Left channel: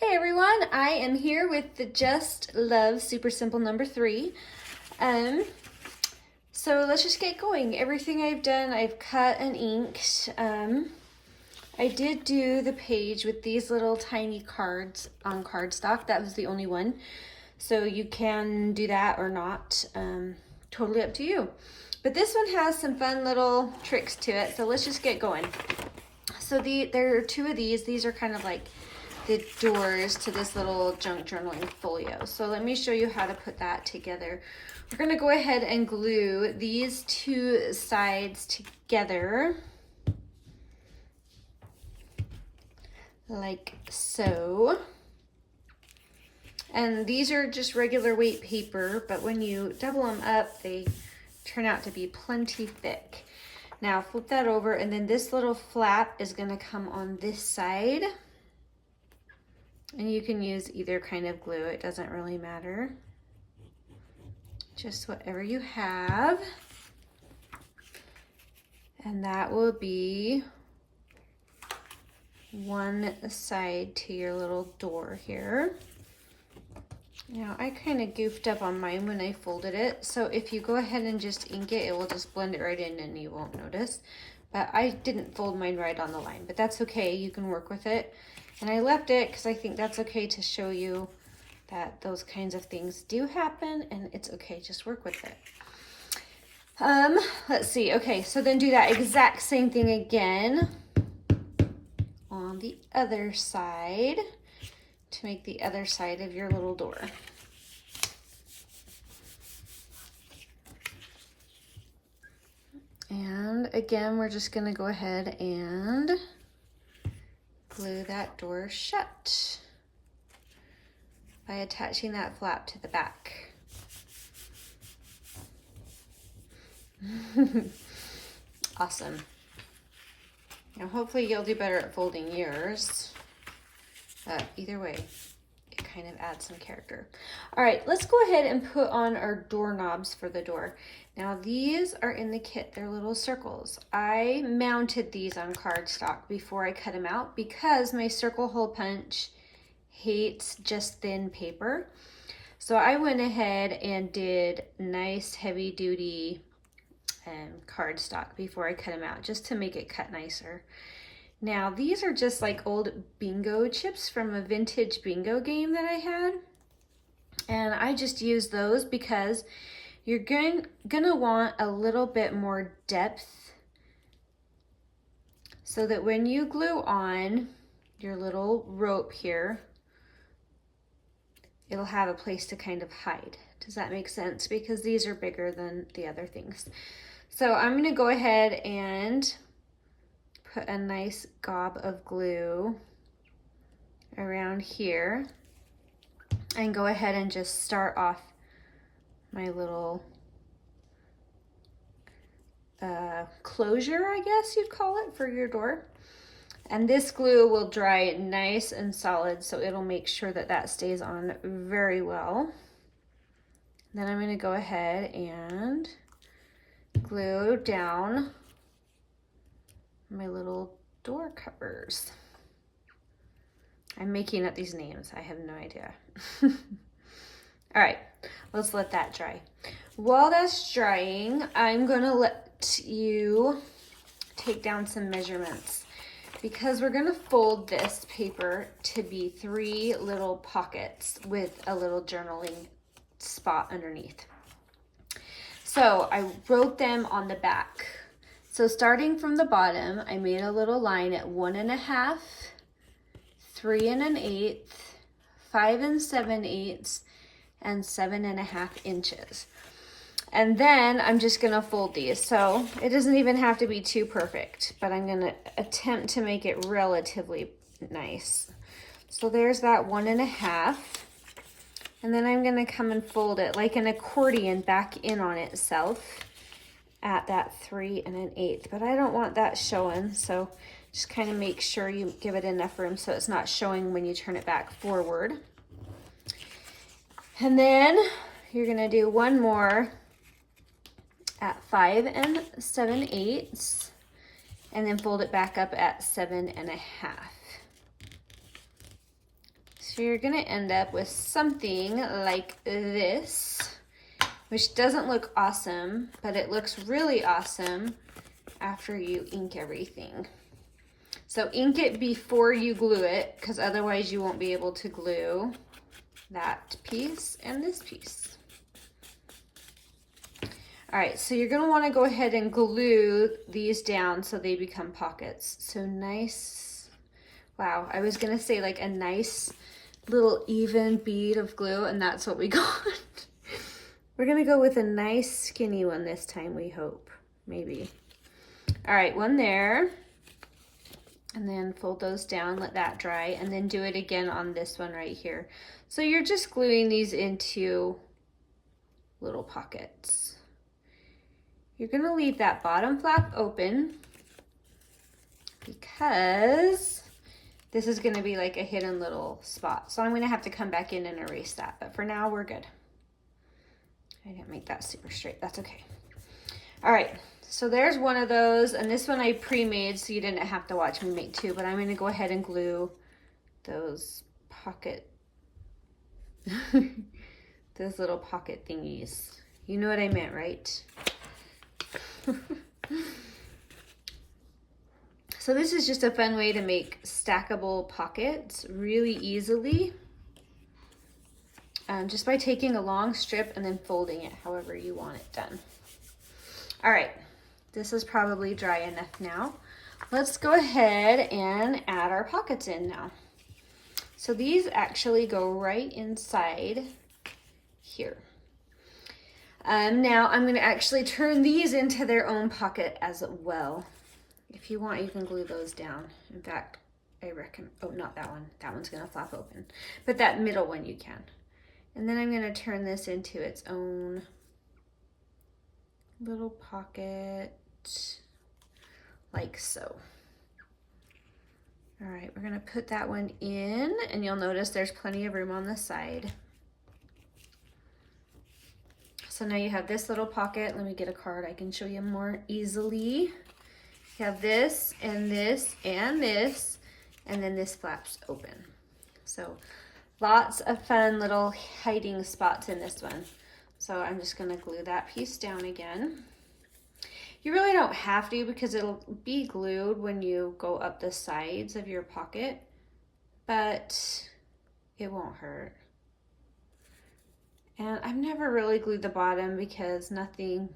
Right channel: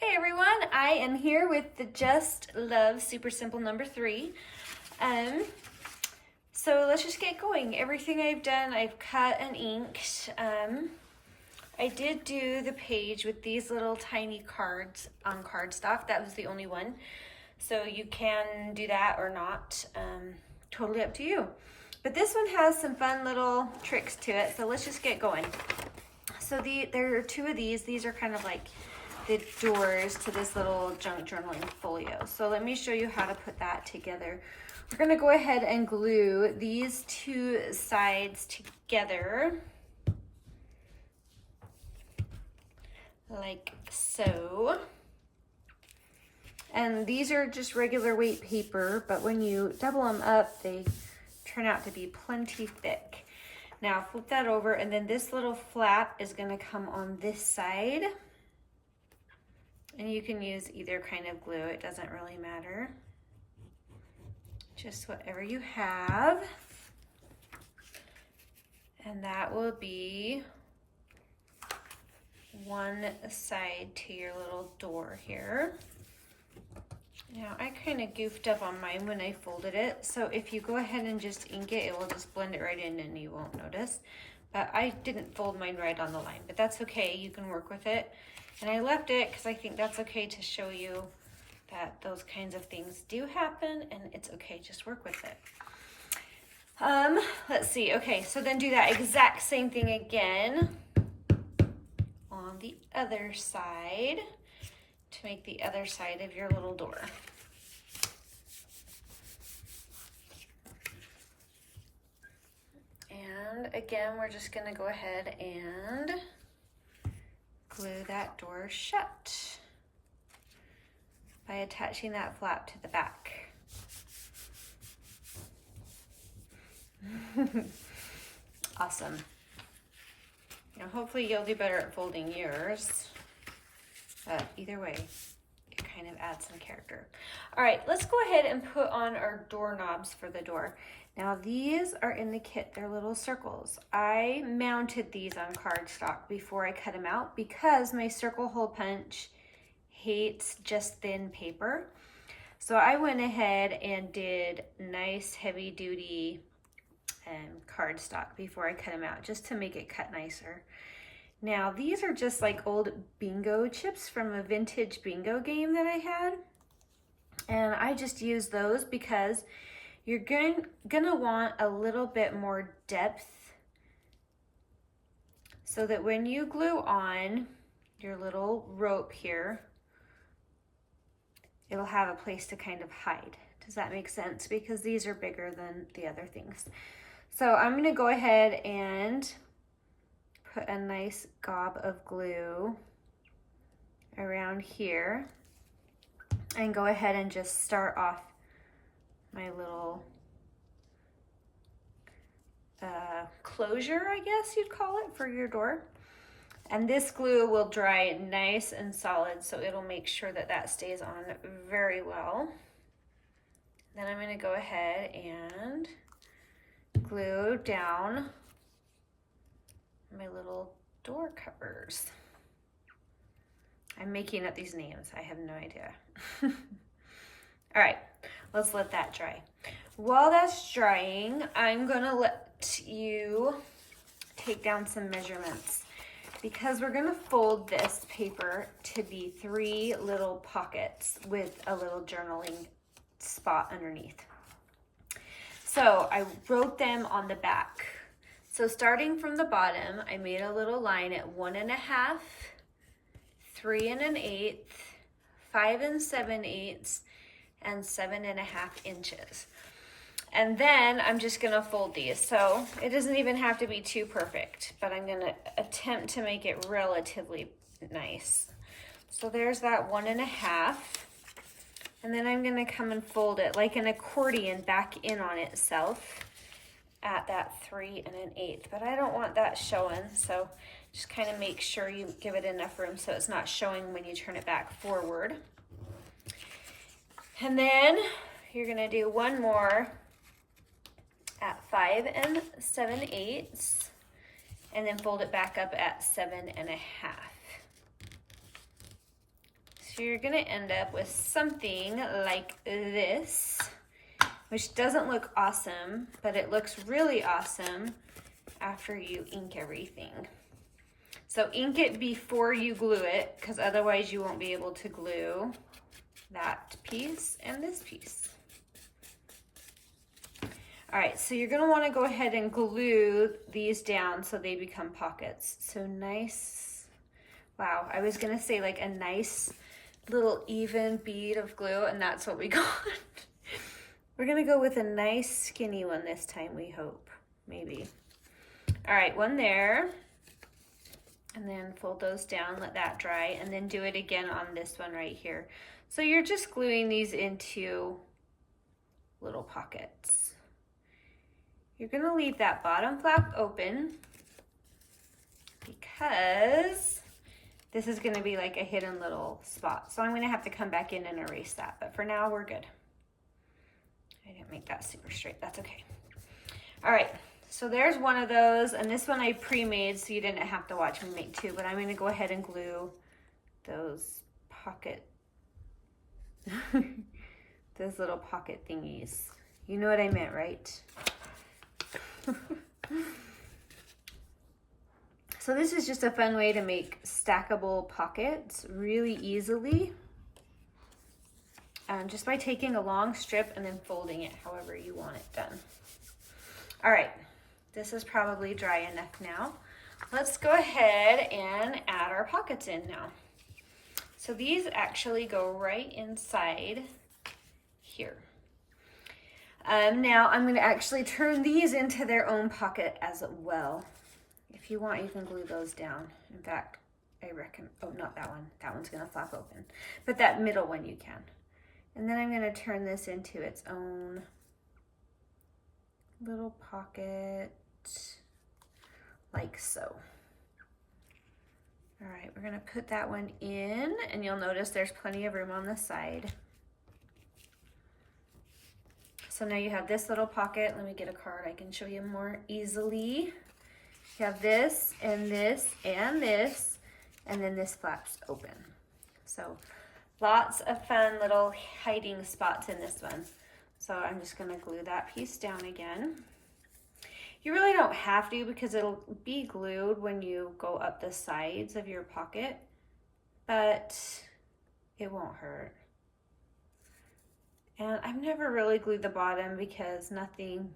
Hey everyone, I am here with the Just Love Super Simple number 3. So let's just get going. Everything I've done, I've cut and inked. I did do the page with these little tiny cards on cardstock. That was the only one. So you can do that or not. Totally up to you. But this one has some fun little tricks to it. So let's just get going. So there are two of these. These are kind of like the doors to this little junk journaling folio. So let me show you how to put that together. We're gonna go ahead and glue these two sides together like so. And these are just regular weight paper, but when you double them up, they turn out to be plenty thick. Now flip that over, and then this little flap is gonna come on this side. And you can use either kind of glue, it doesn't really matter. Just whatever you have. And that will be one side to your little door here. Now I kind of goofed up on mine when I folded it, so if you go ahead and just ink it, it will just blend it right in and you won't notice. But I didn't fold mine right on the line, but that's okay, you can work with it. And I left it because I think that's okay to show you that those kinds of things do happen and it's okay, just work with it. Let's see, okay, so then do that exact same thing again on the other side to make the other side of your little door. And again, we're just gonna go ahead and glue that door shut by attaching that flap to the back. Awesome. Now hopefully you'll do better at folding yours, but either way, it kind of adds some character. All right, let's go ahead and put on our doorknobs for the door. Now these are in the kit, they're little circles. I mounted these on cardstock before I cut them out because my circle hole punch hates just thin paper. So I went ahead and did nice heavy duty cardstock before I cut them out, just to make it cut nicer. Now these are just like old bingo chips from a vintage bingo game that I had. And I just used those because you're gonna want a little bit more depth so that when you glue on your little rope here, it'll have a place to kind of hide. Does that make sense? Because these are bigger than the other things. So I'm gonna go ahead and put a nice gob of glue around here and go ahead and just start off my little closure, I guess you'd call it, for your door. And this glue will dry nice and solid, so it'll make sure that that stays on very well. Then I'm going to go ahead and glue down my little door covers. I'm making up these names, I have no idea. All right, let's let that dry. While that's drying, I'm gonna let you take down some measurements because we're gonna fold this paper to be 3 little pockets with a little journaling spot underneath. So I wrote them on the back. So starting from the bottom, I made a little line at 1 1/2, 3 1/8, 5 7/8, and 7 1/2 inches. And then I'm just gonna fold these. So it doesn't even have to be too perfect, but I'm gonna attempt to make it relatively nice. So there's that 1 1/2. And then I'm gonna come and fold it like an accordion back in on itself at that 3 1/8. But I don't want that showing, so just kind of make sure you give it enough room so it's not showing when you turn it back forward. And then you're gonna do one more at 5 7/8 and then fold it back up at 7 1/2. So you're gonna end up with something like this, which doesn't look awesome, but it looks really awesome after you ink everything. So ink it before you glue it, because otherwise you won't be able to glue that piece and this piece. All right, so you're gonna wanna go ahead and glue these down so they become pockets. So nice, wow, I was gonna say like a nice little even bead of glue, and that's what we got. We're gonna go with a nice skinny one this time, we hope, maybe. All right, one there, and then fold those down, let that dry, and then do it again on this one right here. So you're just gluing these into little pockets. You're gonna leave that bottom flap open because this is gonna be like a hidden little spot. So I'm gonna have to come back in and erase that, but for now we're good. I didn't make that super straight, that's okay. All right, so there's one of those, and this one I pre-made so you didn't have to watch me make two, but I'm gonna go ahead and glue those pocket, those little pocket thingies. You know what I meant, right? So this is just a fun way to make stackable pockets really easily, just by taking a long strip and then folding it however you want it done. All right, this is probably dry enough now. Let's go ahead and add our pockets in now. So these actually go right inside here. Now I'm going to actually turn these into their own pocket as well. If you want, you can glue those down. In fact, I reckon, oh, not that one. That one's going to flap open. But that middle one you can. And then I'm going to turn this into its own little pocket, like so. All right, we're going to put that one in, and you'll notice there's plenty of room on the side. So now you have this little pocket. Let me get a card I can show you more easily. You have this and this and this, and then this flaps open. So lots of fun little hiding spots in this one. So I'm just gonna glue that piece down again. You really don't have to because it'll be glued when you go up the sides of your pocket, but it won't hurt. And I've never really glued the bottom because nothing,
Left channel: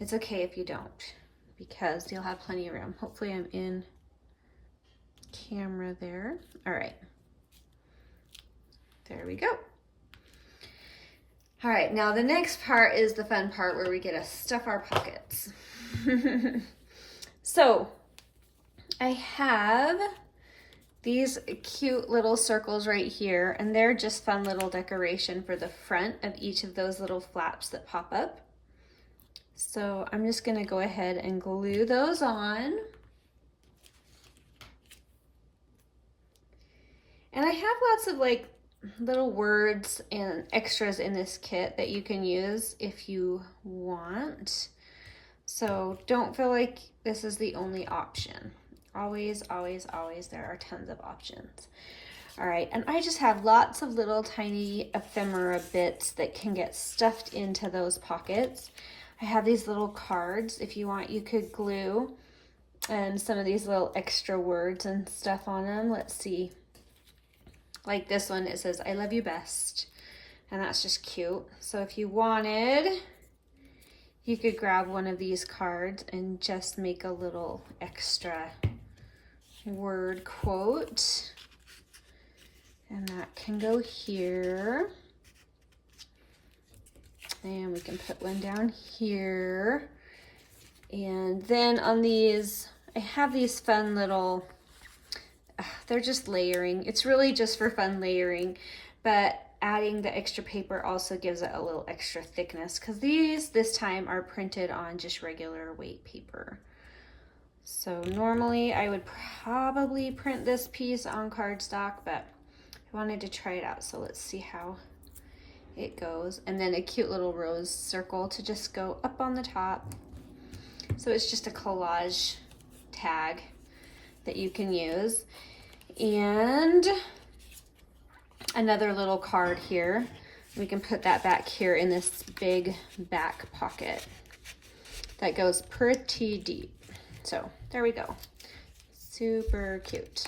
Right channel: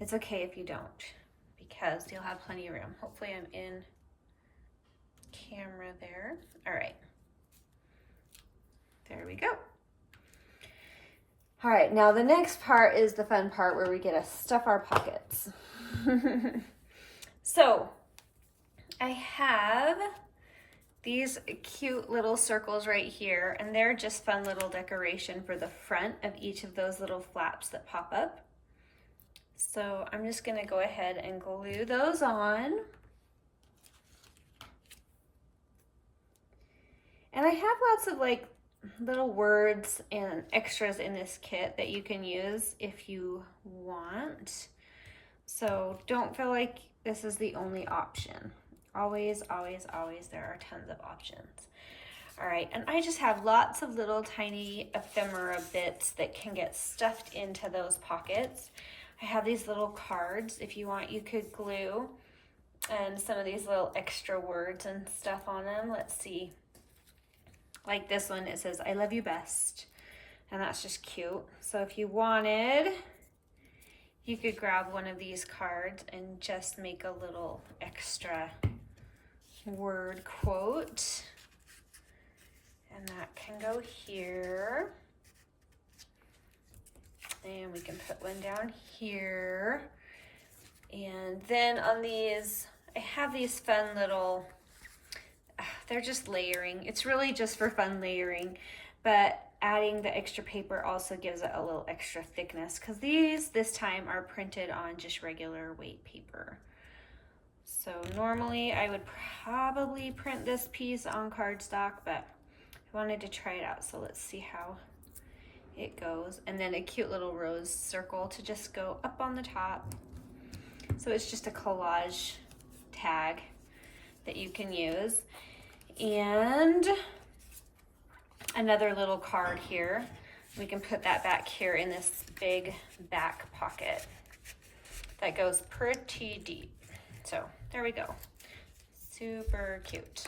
it's okay if you don't, because you'll have plenty of room. Hopefully I'm in camera there. All right, there we go. All right, now the next part is the fun part where we get to stuff our pockets. So I have these cute little circles right here, and they're just fun little decoration for the front of each of those little flaps that pop up. So I'm just gonna go ahead and glue those on. And I have lots of like little words and extras in this kit that you can use if you want. So don't feel like this is the only option. Always, always, always, there are tons of options. All right, and I just have lots of little tiny ephemera bits that can get stuffed into those pockets. I have these little cards. If you want, you could glue some of these little extra words and stuff on them. Let's see. Like this one, it says, "I love you best." And that's just cute. So if you wanted, you could grab one of these cards and just make a little extra word quote. And that can go here. And we can put one down here. And then on these, I have these fun little, they're just layering. It's really just for fun layering, but adding the extra paper also gives it a little extra thickness, because these this time are printed on just regular weight paper. So normally I would probably print this piece on cardstock, but I wanted to try it out, so let's see how it goes. And then a cute little rose circle to just go up on the top. So it's just a collage tag that you can use. And another little card here. We can put that back here in this big back pocket that goes pretty deep. So there we go. Super cute.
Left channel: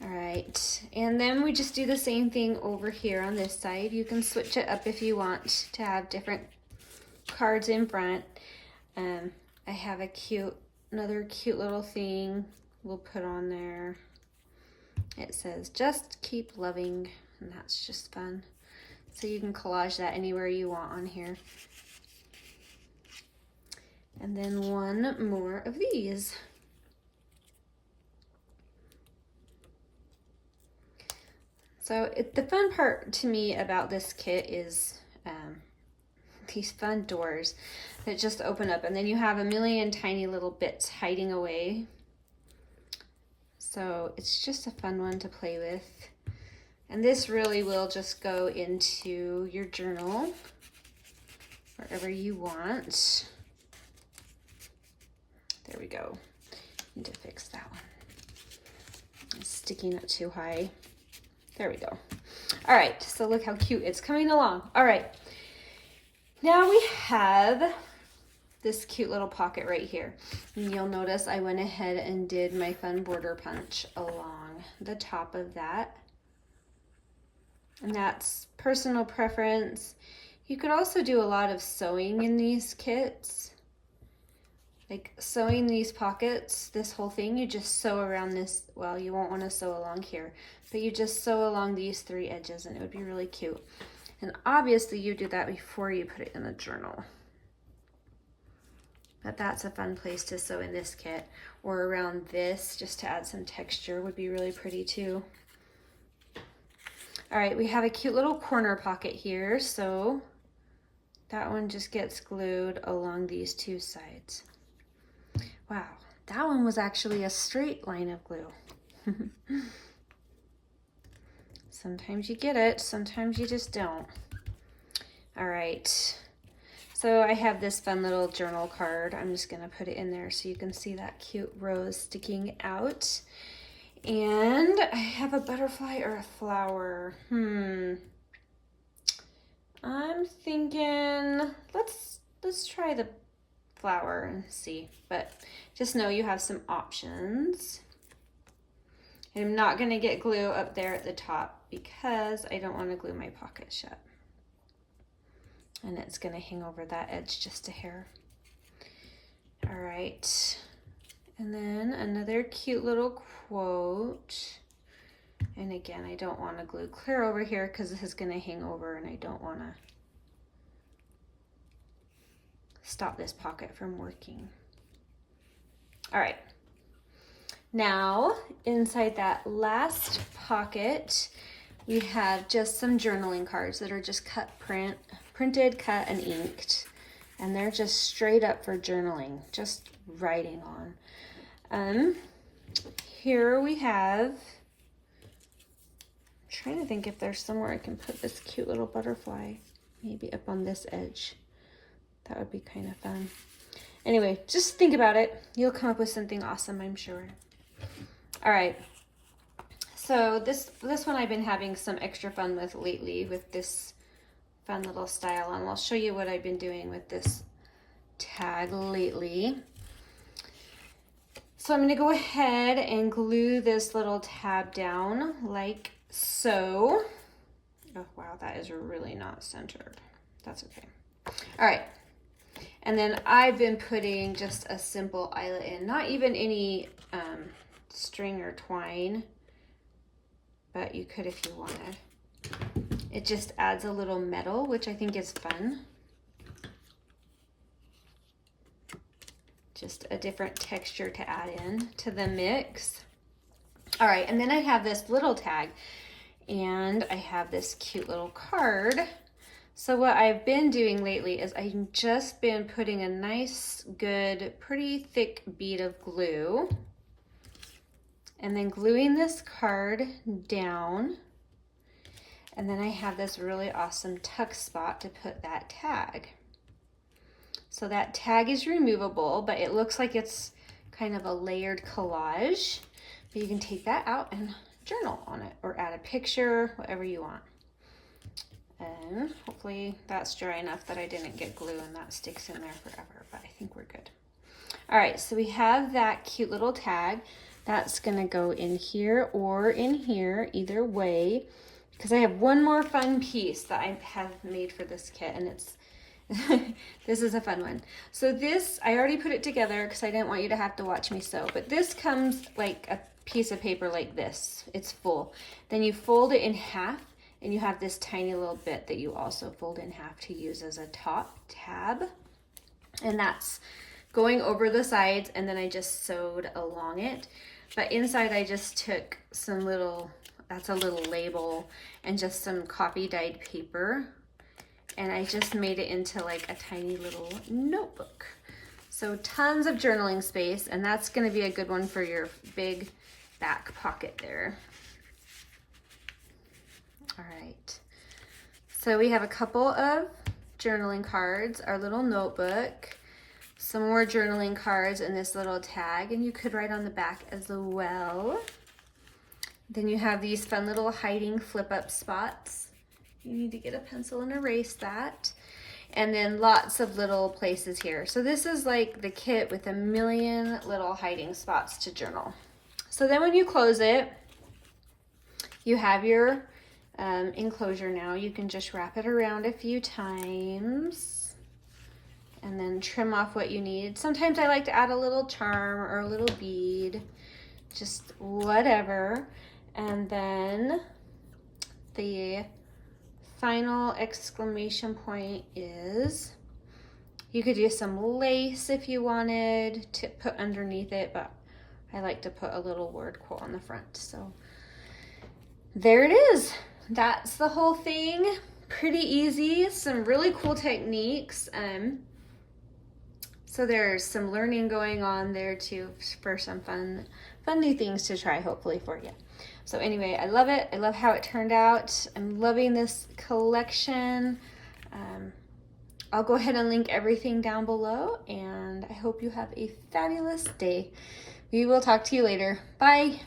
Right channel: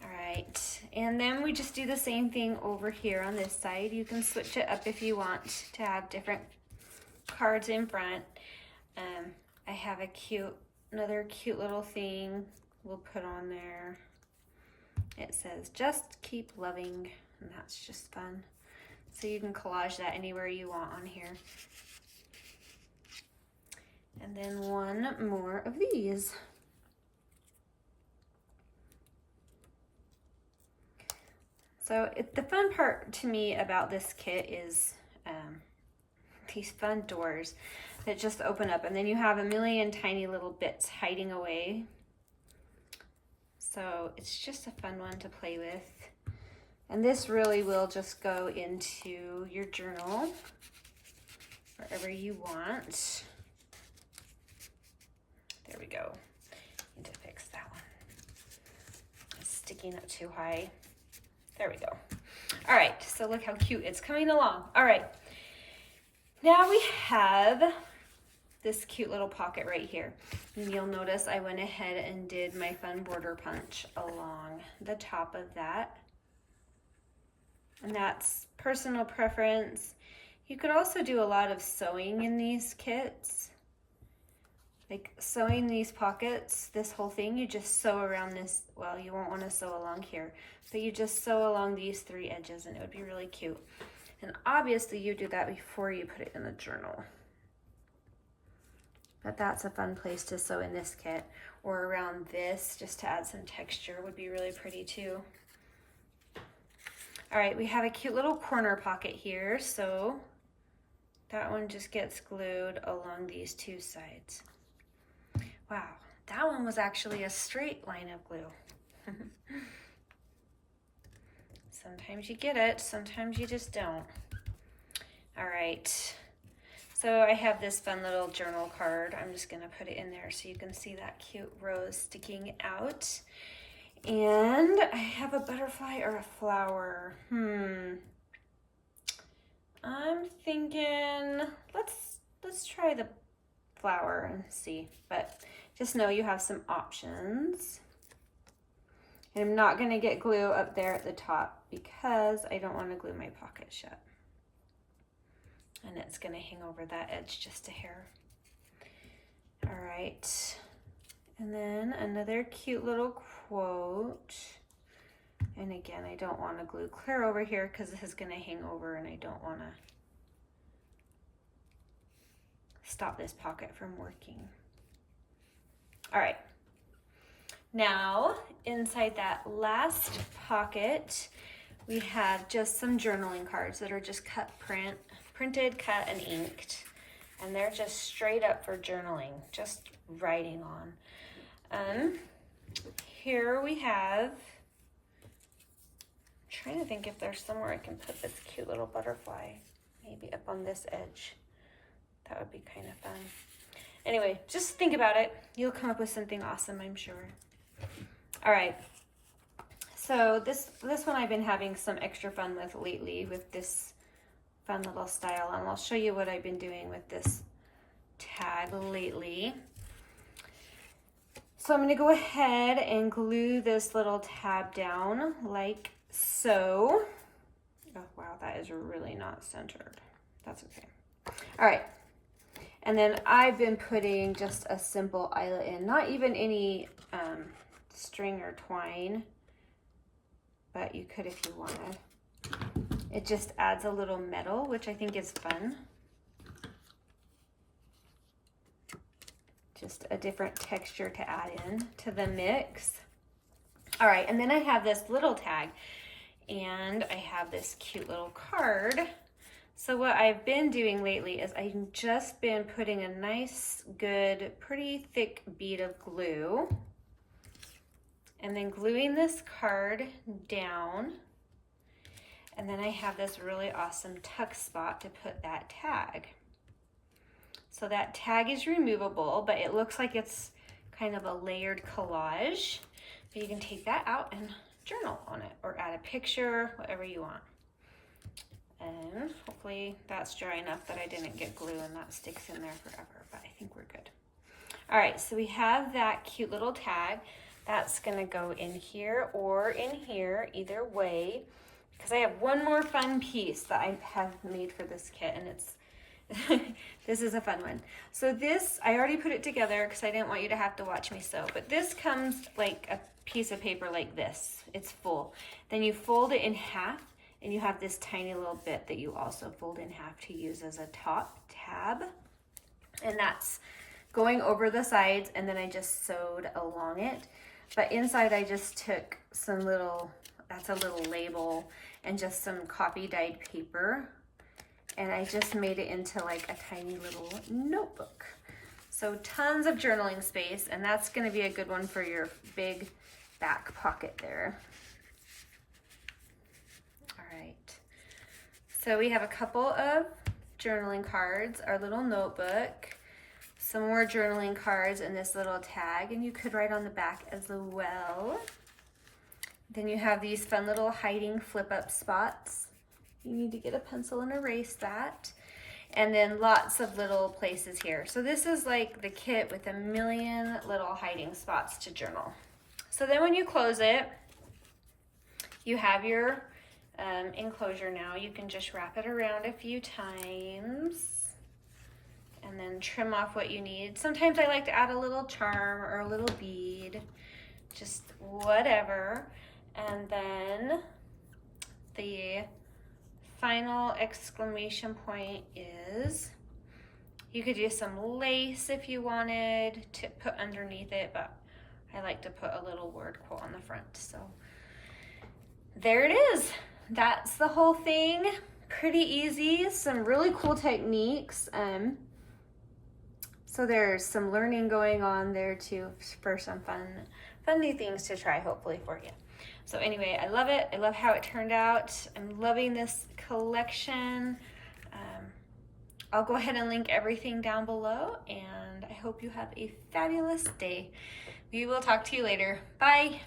All right, and then we just do the same thing over here on this side. You can switch it up if you want to have different cards in front. I have another cute little thing we'll put on there. It says, just keep loving, and that's just fun. So you can collage that anywhere you want on here. And then one more of these. So the fun part to me about this kit is these fun doors that just open up, and then you have a million tiny little bits hiding away. So it's just a fun one to play with. And this really will just go into your journal, wherever you want. There we go. Need to fix that one. It's sticking up too high. There we go. All right, so look how cute it's coming along. All right, now we have this cute little pocket right here. And you'll notice I went ahead and did my fun border punch along the top of that. And that's personal preference. You could also do a lot of sewing in these kits. Like sewing these pockets, this whole thing, you just sew around this, well, you won't want to sew along here, but you just sew along these three edges and it would be really cute. And obviously you do that before you put it in the journal. But that's a fun place to sew in this kit, or around this, just to add some texture would be really pretty too. All right, we have a cute little corner pocket here, so that one just gets glued along these two sides. Wow, that one was actually a straight line of glue. Sometimes you get it, sometimes you just don't. All right, so I have this fun little journal card. I'm just gonna put it in there so you can see that cute rose sticking out. And I have a butterfly or a flower. I'm thinking, let's try the flower and see, but just know you have some options. And I'm not going to get glue up there at the top because I don't want to glue my pocket shut. And it's going to hang over that edge just a hair. All right. And then another cute little quote. And again, I don't want to glue clear over here because this is going to hang over and I don't want to stop this pocket from working. All right. Now, inside that last pocket, we have just some journaling cards that are just printed, cut, and inked. And they're just straight up for journaling, just writing on. Here we have, I'm trying to think if there's somewhere I can put this cute little butterfly, maybe up on this edge. That would be kind of fun. Anyway, just think about it. You'll come up with something awesome, I'm sure. All right. So this one I've been having some extra fun with lately with this fun little style, and I'll show you what I've been doing with this tag lately. So I'm going to go ahead and glue this little tab down like so. Oh wow, that is really not centered. That's okay. All right. And then I've been putting just a simple eyelet in, not even any string or twine, but you could if you wanted. It just adds a little metal, which I think is fun. Just a different texture to add in to the mix. All right, and then I have this little tag, and I have this cute little card. So what I've been doing lately is I've just been putting a nice, good, pretty thick bead of glue, and then gluing this card down. And then I have this really awesome tuck spot to put that tag. So that tag is removable, but it looks like it's kind of a layered collage. But you can take that out and journal on it or add a picture, whatever you want. And hopefully that's dry enough that I didn't get glue and that sticks in there forever, but I think we're good. All right, so we have that cute little tag. That's gonna go in here or in here, either way, because I have one more fun piece that I have made for this kit, and it's, this is a fun one. So this, I already put it together because I didn't want you to have to watch me sew, but this comes like a piece of paper like this. It's full. Then you fold it in half, and you have this tiny little bit that you also fold in half to use as a top tab. And that's going over the sides, and then I just sewed along it. But inside I just took some little, that's a little label, and just some copy dyed paper. And I just made it into like a tiny little notebook. So tons of journaling space, and that's gonna be a good one for your big back pocket there. All right, so we have a couple of journaling cards, our little notebook, some more journaling cards, and this little tag, and you could write on the back as well. Then you have these fun little hiding flip up spots. You need to get a pencil and erase that. And then lots of little places here. So this is like the kit with a million little hiding spots to journal. So then when you close it, you have your enclosure now. You can just wrap it around a few times and then trim off what you need. Sometimes I like to add a little charm or a little bead, just whatever. And then the final exclamation point is, you could do some lace if you wanted to put underneath it, but I like to put a little word quote on the front. So there it is. That's the whole thing. Pretty easy, some really cool techniques. So there's some learning going on there too for some fun new things to try hopefully for you. So anyway, I love it. I love how it turned out. I'm loving this collection. I'll go ahead and link everything down below, and I hope you have a fabulous day. We will talk to you later. Bye.